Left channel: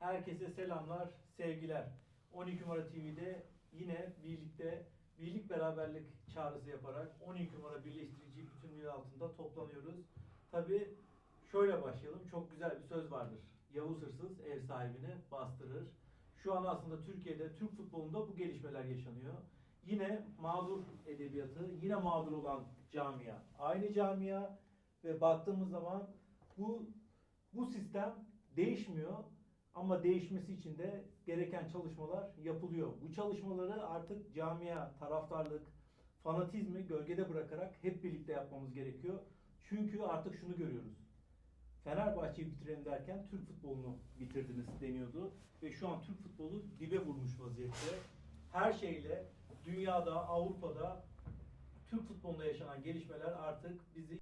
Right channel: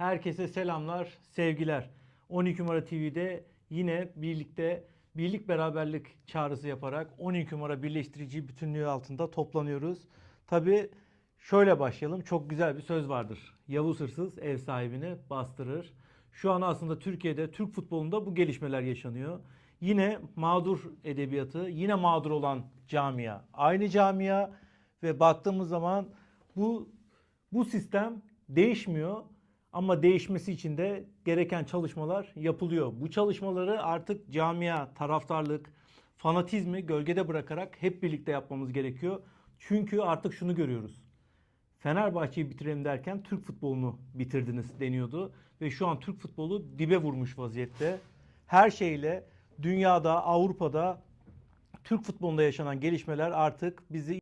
Herkese selamlar, sevgiler. 12 numara TV'de yine birlikte birlik beraberlik çağrısı yaparak 12 numara birleştirici bütünlüğü altında toplanıyoruz. Tabi şöyle başlayalım. Çok güzel bir söz vardır. Yavuz hırsız ev sahibini bastırır. Şu an aslında Türkiye'de, Türk futbolunda bu gelişmeler yaşanıyor. Yine mağdur edebiyatı, yine mağdur olan camia. Aynı camia ve baktığımız zaman bu bu sistem değişmiyor ama değişmesi için de gereken çalışmalar yapılıyor. Bu çalışmaları artık camia, taraftarlık, fanatizmi gölgede bırakarak hep birlikte yapmamız gerekiyor. Çünkü artık şunu görüyoruz. Fenerbahçe'yi bitirelim derken Türk futbolunu bitirdiniz deniyordu. Ve şu an Türk futbolu dibe vurmuş vaziyette. Her şeyle dünyada, Avrupa'da Türk futbolunda yaşanan gelişmeler artık bizi